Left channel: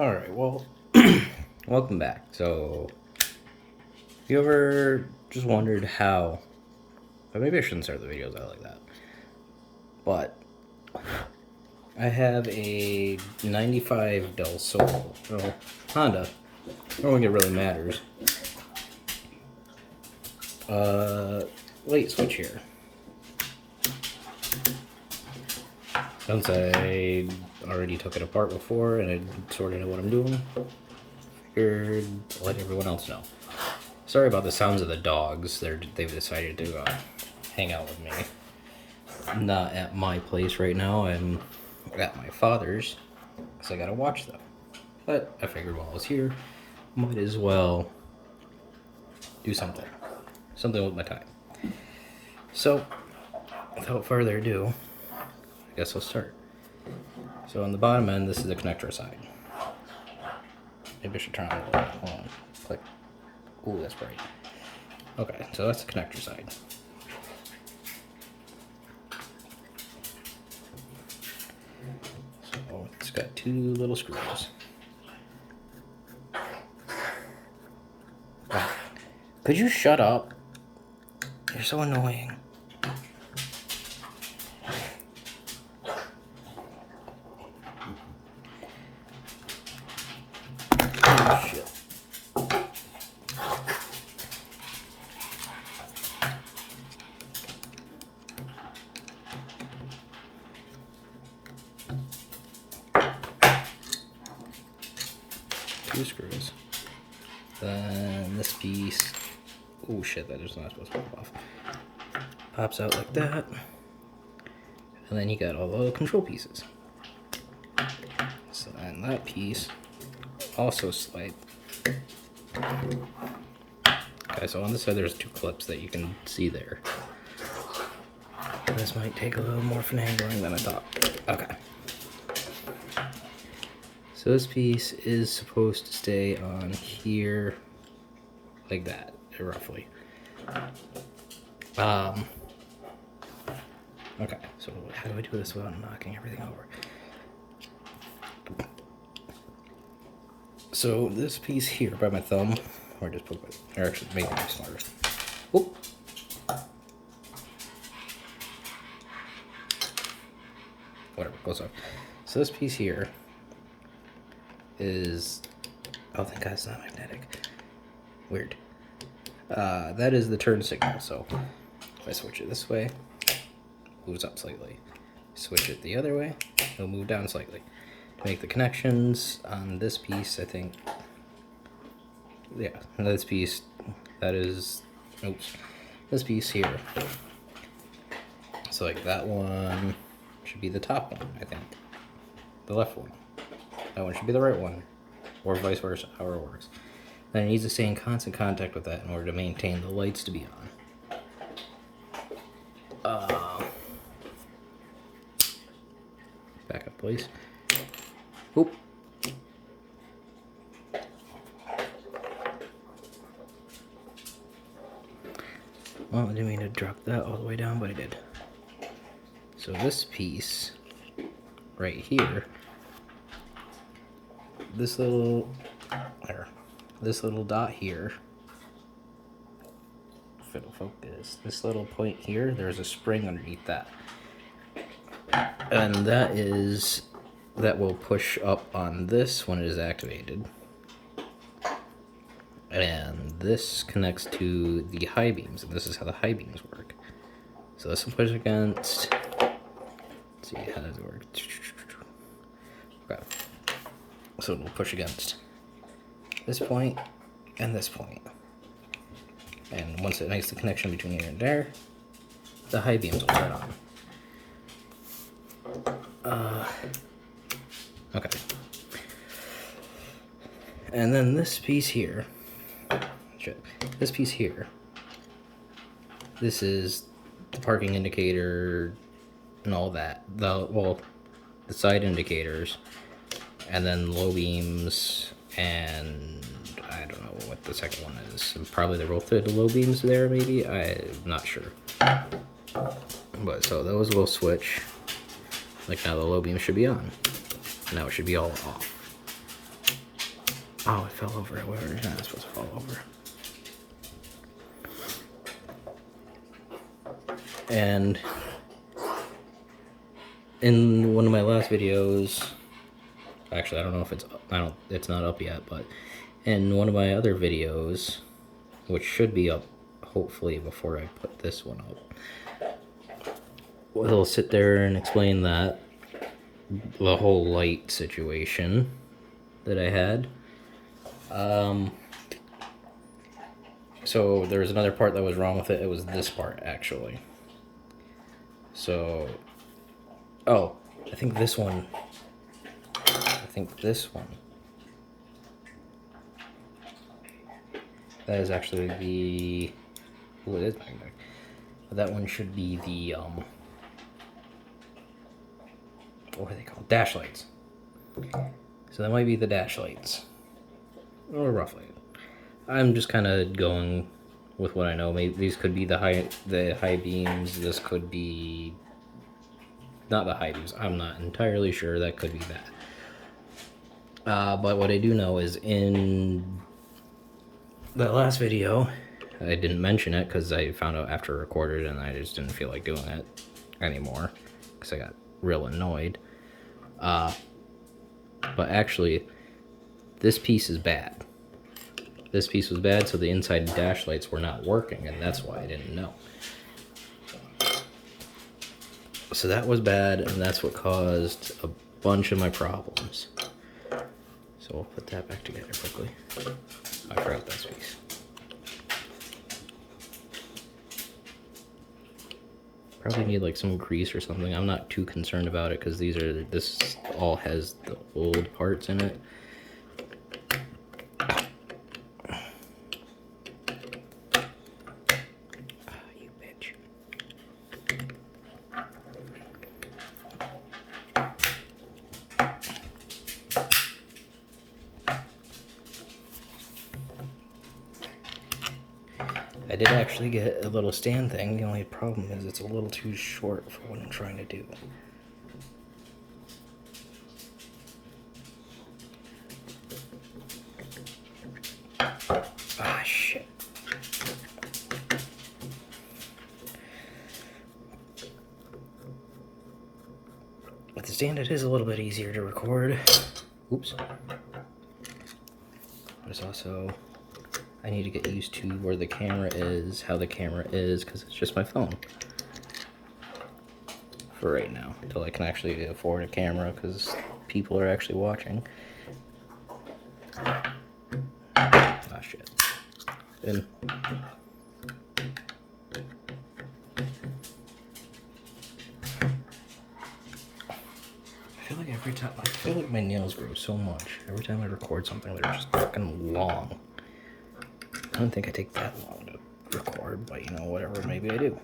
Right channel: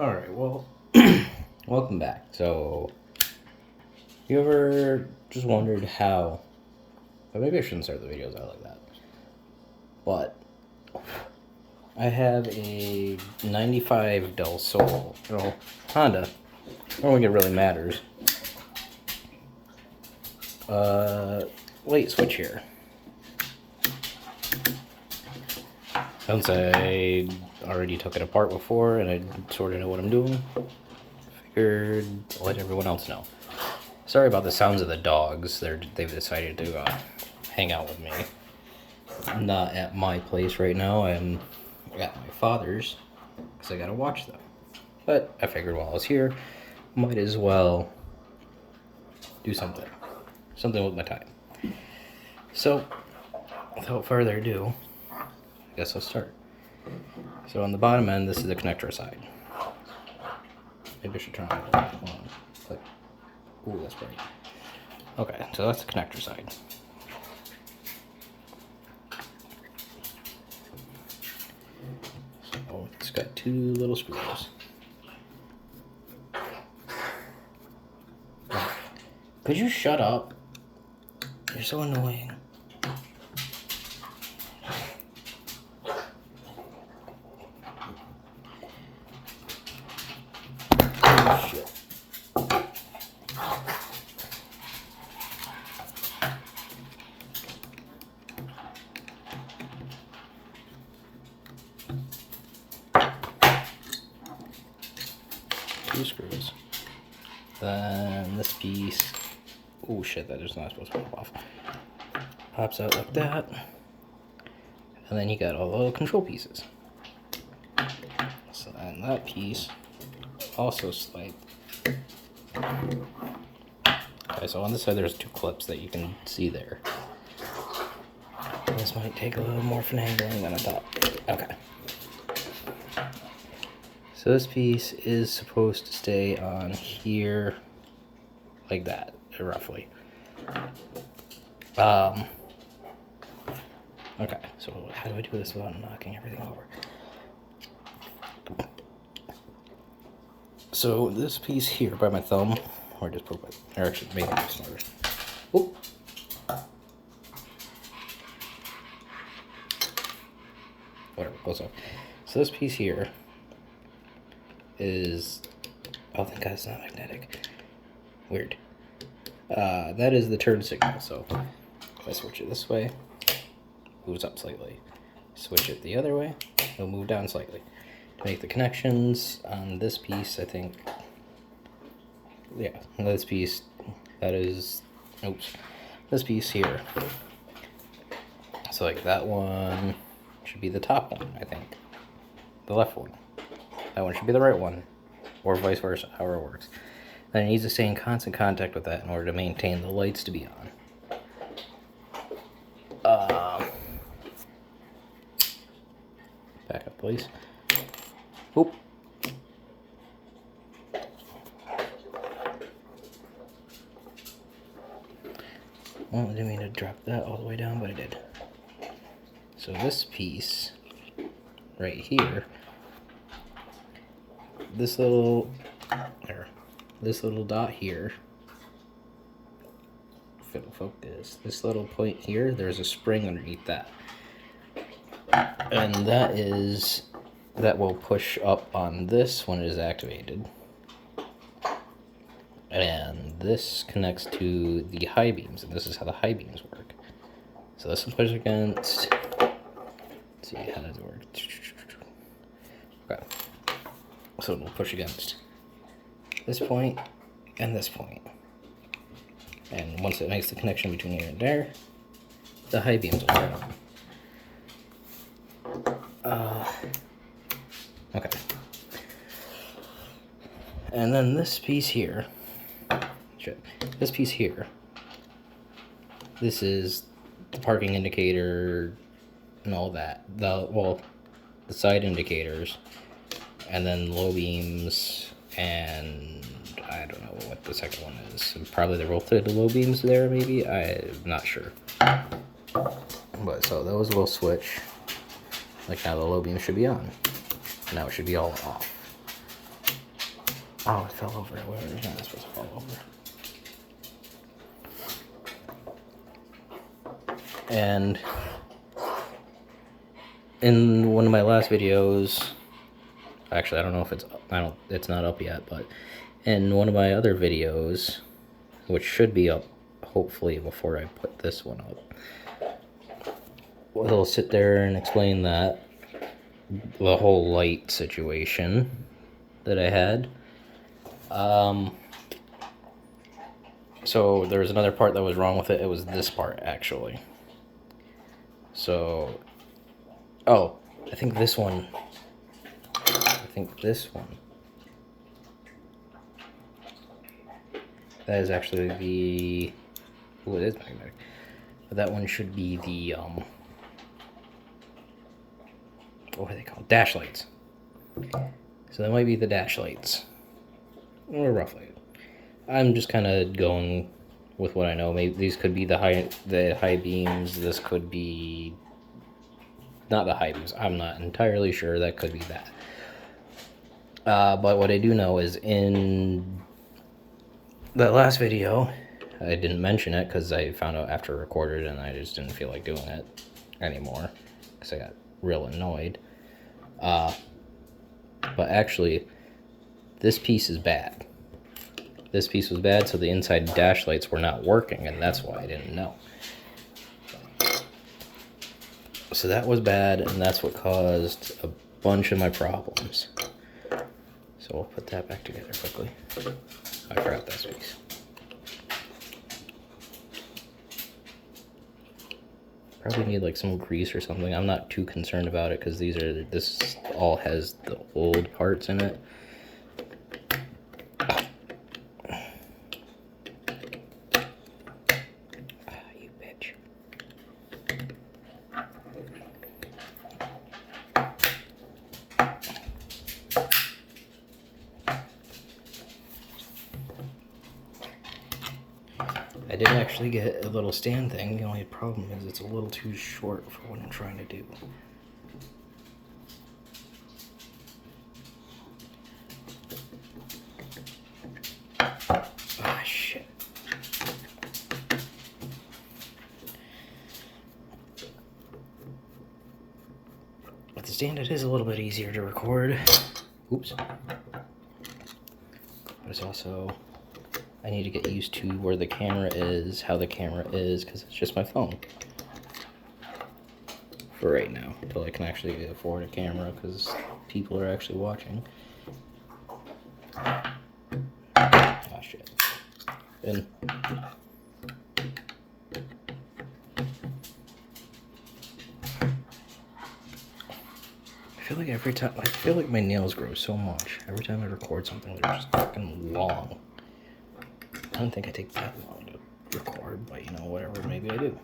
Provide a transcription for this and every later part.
Alright, well, welcome back. So, you ever just wondered how, or maybe I shouldn't start the videos out like that, but I have a 95 Del Sol, Honda. I don't think it really matters. Light switch here. Since I already took it apart before and I sort of know what I'm doing, figured I'll let everyone else know. Sorry about the sounds of the dogs. They've decided to hang out with me. I'm not at my place right now. I'm at my father's because I gotta watch them. But I figured while I was here, might as well do something with my time. So, without further ado, I guess I'll start. So on the bottom end, this is the connector side. Maybe I should turn on a little bit. Hold on. Click. Ooh, that's bright. Okay, so that's the connector side. So it's got two little screws. Ah, could you shut up? You're so annoying. Oh, shit. Two screws. Then this piece. Oh shit, that is not supposed to pop off. Pops out like that. And then you got all the little control pieces. So then that piece also slides. Okay, so on this side there's two clips that you can see there. This might take a little more finagling than I thought. Okay. So this piece is supposed to stay on here like that, roughly. Okay, so how do I do this without knocking everything over? So this piece here by my thumb, or just poke it, or actually maybe be smarter. Oop. Whatever, close off. So this piece here is, oh thank God it's not magnetic. Weird. That is the turn signal, so if I switch it this way, it moves up slightly. Switch it the other way, it'll move down slightly. To make the connections on this piece, I think, yeah, this piece, that is, oops, this piece here. So like that one should be the top one, I think. The left one. That one should be the right one, or vice versa, however it works. Then it needs to stay in constant contact with that in order to maintain the lights to be on. Back up, please. Oop. Well, I didn't mean to drop that all the way down, but I did. So this piece right here, this little dot here, if it'll focus, this little point here, there's a spring underneath that. And that will push up on this when it is activated. And this connects to the high beams, and this is how the high beams work. So this will push against, let's see, how does it work? Okay. So it'll push against this point and this point. And once it makes the connection between here and there, the high beams will turn on. Okay. And then this piece here, this piece here, this is the parking indicator and all that. The side indicators, and then low beams, and I don't know what the second one is. Probably the rotated low beams there, maybe? I'm not sure. But so those will switch. Like now the low beam should be on. Now it should be all off. Oh, it fell over. Where is not supposed to fall over? And in one of my last videos, actually, I don't know if it's not up yet, but in one of my other videos, which should be up hopefully before I put this one up, we'll sit there and explain that the whole light situation that I had. So there was another part that was wrong with it. It was this part, actually. So, oh, I think this one. That is actually the. Oh, it is magnetic. But that one should be the what are they called? Dash lights. So that might be the dash lights, or roughly. I'm just kind of going with what I know. Maybe these could be the high beams. This could be not the high beams. I'm not entirely sure. That could be that. But what I do know is in the last video, I didn't mention it because I found out after I recorded and I just didn't feel like doing it anymore because I got real annoyed. But actually, this piece is bad. This piece was bad, so the inside dash lights were not working, and that's why I didn't know. So that was bad, and that's what caused a bunch of my problems. So we'll put that back together quickly. I forgot this piece. Probably need like some grease or something. I'm not too concerned about it because this all has the old parts in it. You bitch. I did actually get a little stand thing. The only problem is it's a little too short for what I'm trying to do. Ah, shit. With the stand, it is a little bit easier to record. Oops. But it's also, I need to get used to where the camera is, how the camera is, because it's just my phone. For right now, until I can actually afford a camera, because people are actually watching. Ah, shit. And I feel like my nails grow so much. Every time I record something, they're just fucking long. I don't think I take that long to record, but you know, whatever, maybe I do.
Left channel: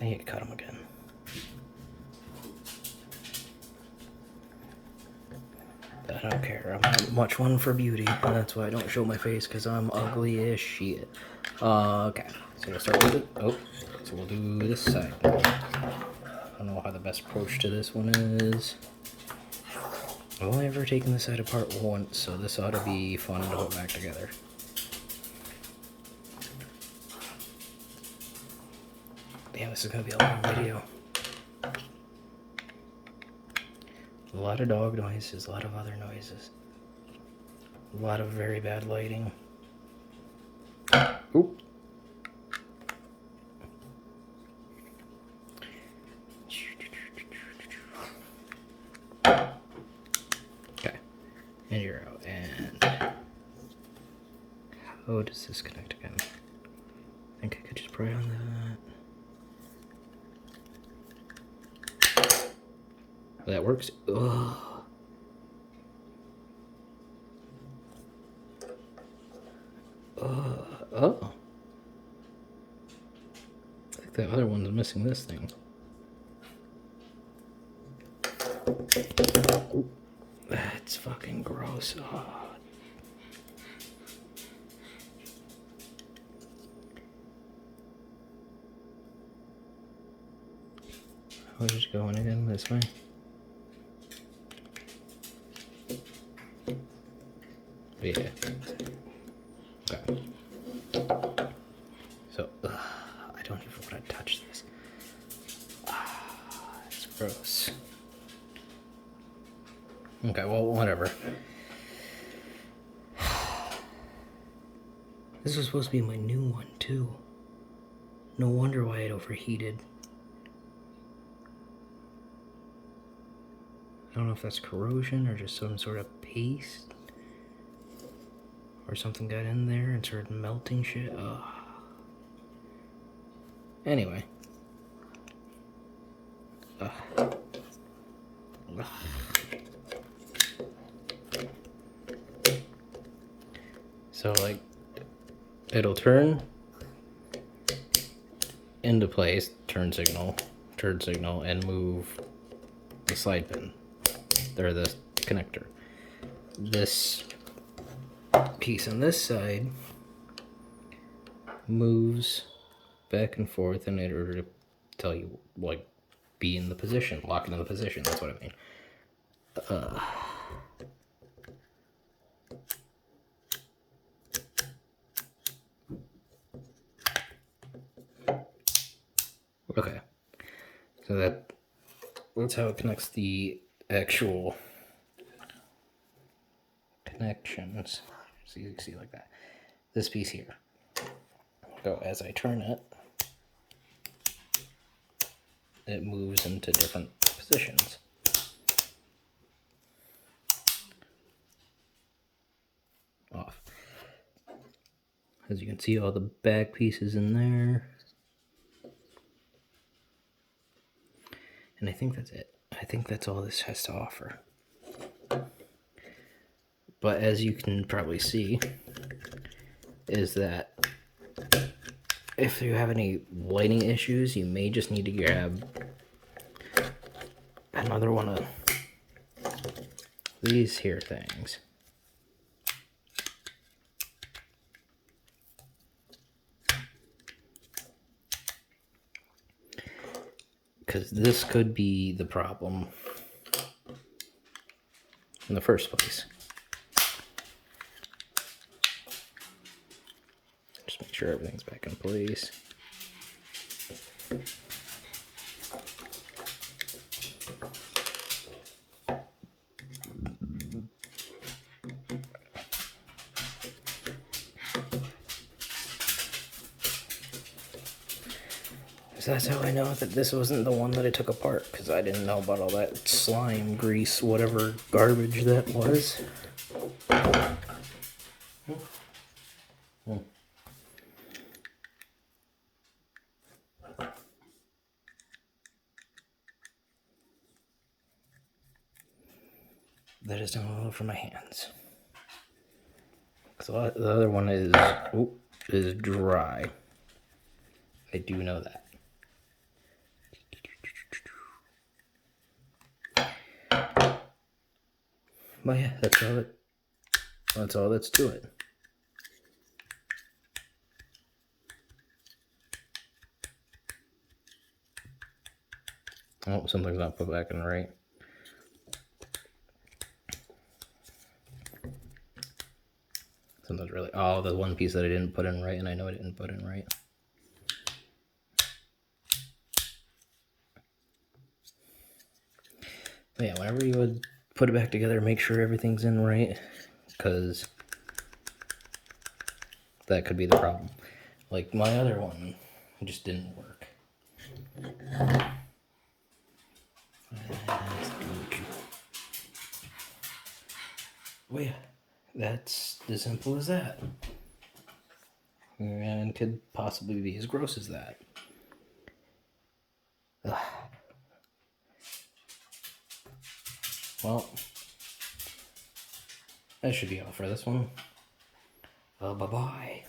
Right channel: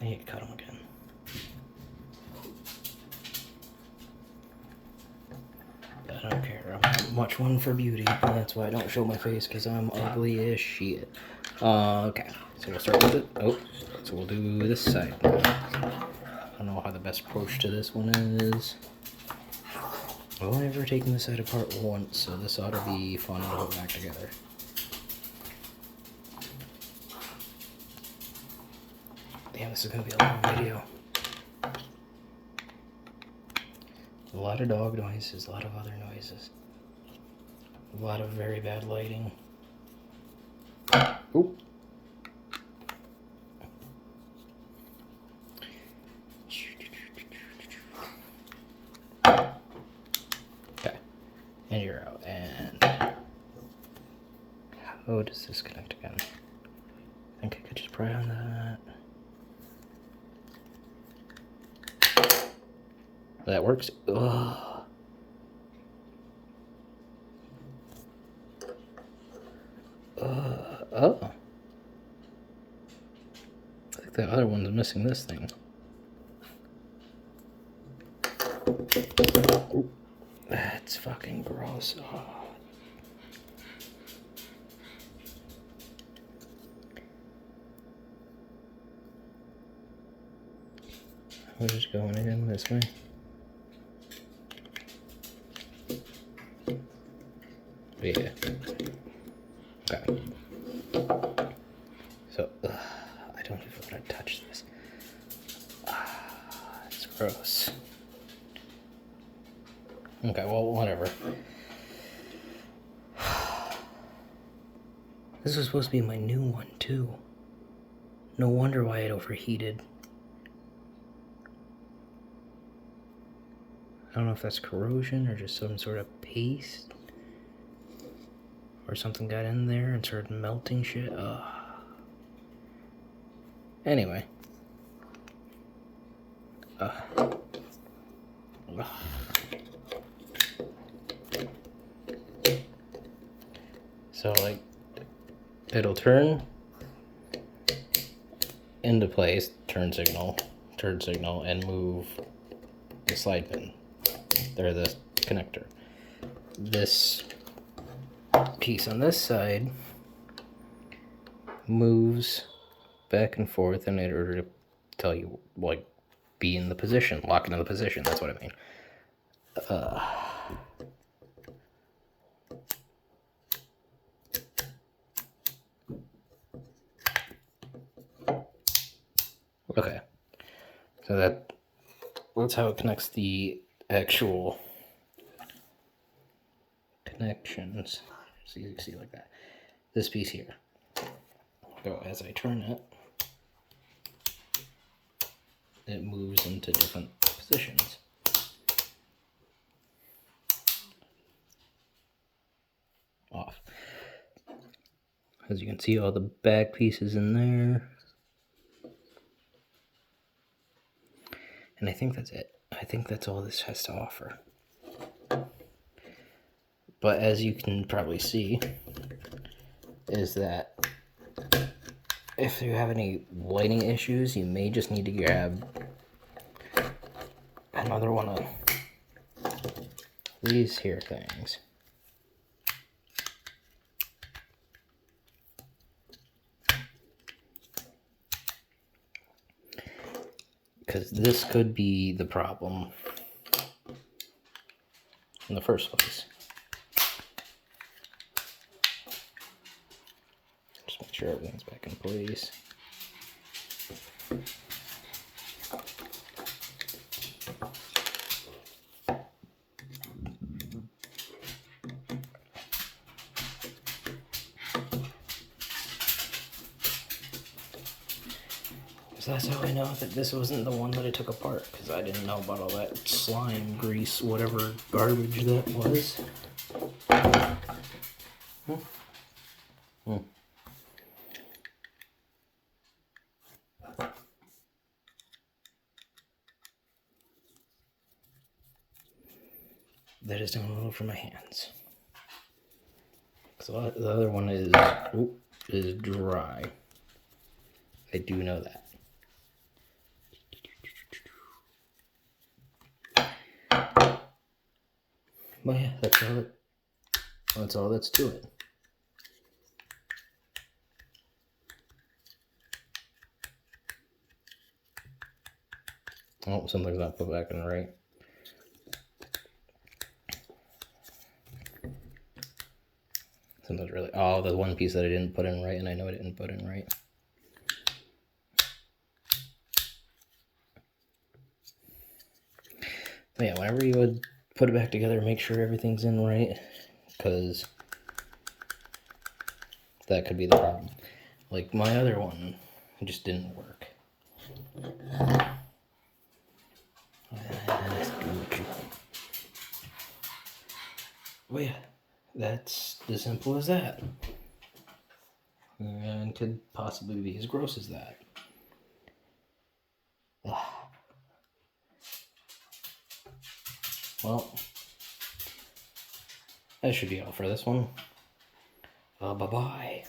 I need to cut them again. I don't care. I'm not much one for beauty, and that's why I don't show my face, because I'm ugly as shit. Okay, so we'll start with it. Oh, so we'll do this side now. I don't know how the best approach to this one is. I've only ever taken this side apart once, so this ought to be fun to put back together. Yeah, this is going to be a long video. A lot of dog noises, a lot of other noises. A lot of very bad lighting. Oop. Okay. And you're out. And how does this connect again? I think I could just pry on that. That works. Ugh. Oh. I think the other one's missing this thing. Ooh. That's fucking gross. Oh. How is it going again? This way? Yeah. Okay. So, I don't even want to touch this. It's gross. Okay, well, whatever. This was supposed to be my new one, too. No wonder why it overheated. I don't know if that's corrosion or just some sort of paste. Or something got in there and started melting shit. Ugh. Anyway. Ugh. Ugh. So, like, it'll turn into place, turn signal, and move the slide pin, or the connector. This piece on this side moves back and forth in order to tell you, like, be in the position, lock into the position, that's what I mean. Okay, so that's how it connects the actual connections. So you can see like that. This piece here. So as I turn it, it moves into different positions. Off. As you can see, all the back pieces in there. And I think that's it. I think that's all this has to offer. But as you can probably see, is that if you have any lighting issues, you may just need to grab another one of these here things. Because this could be the problem in the first place. Just make sure everything's back in place. So that's how I know that this wasn't the one that I took apart, because I didn't know about all that slime, grease, whatever garbage that was. That is down all over my hands. So the other one is dry. I do know that. But yeah, that's all that's to it. Oh, something's not put back in right. Something's really... Oh, the one piece that I didn't put in right, and I know I didn't put in right. But yeah, whenever you would put it back together, make sure everything's in right, because that could be the problem. Like my other one, it just didn't work. Well, yeah, that's as simple as that. And could possibly be as gross as that. Ugh. Well, that should be all for this one. Bye-bye.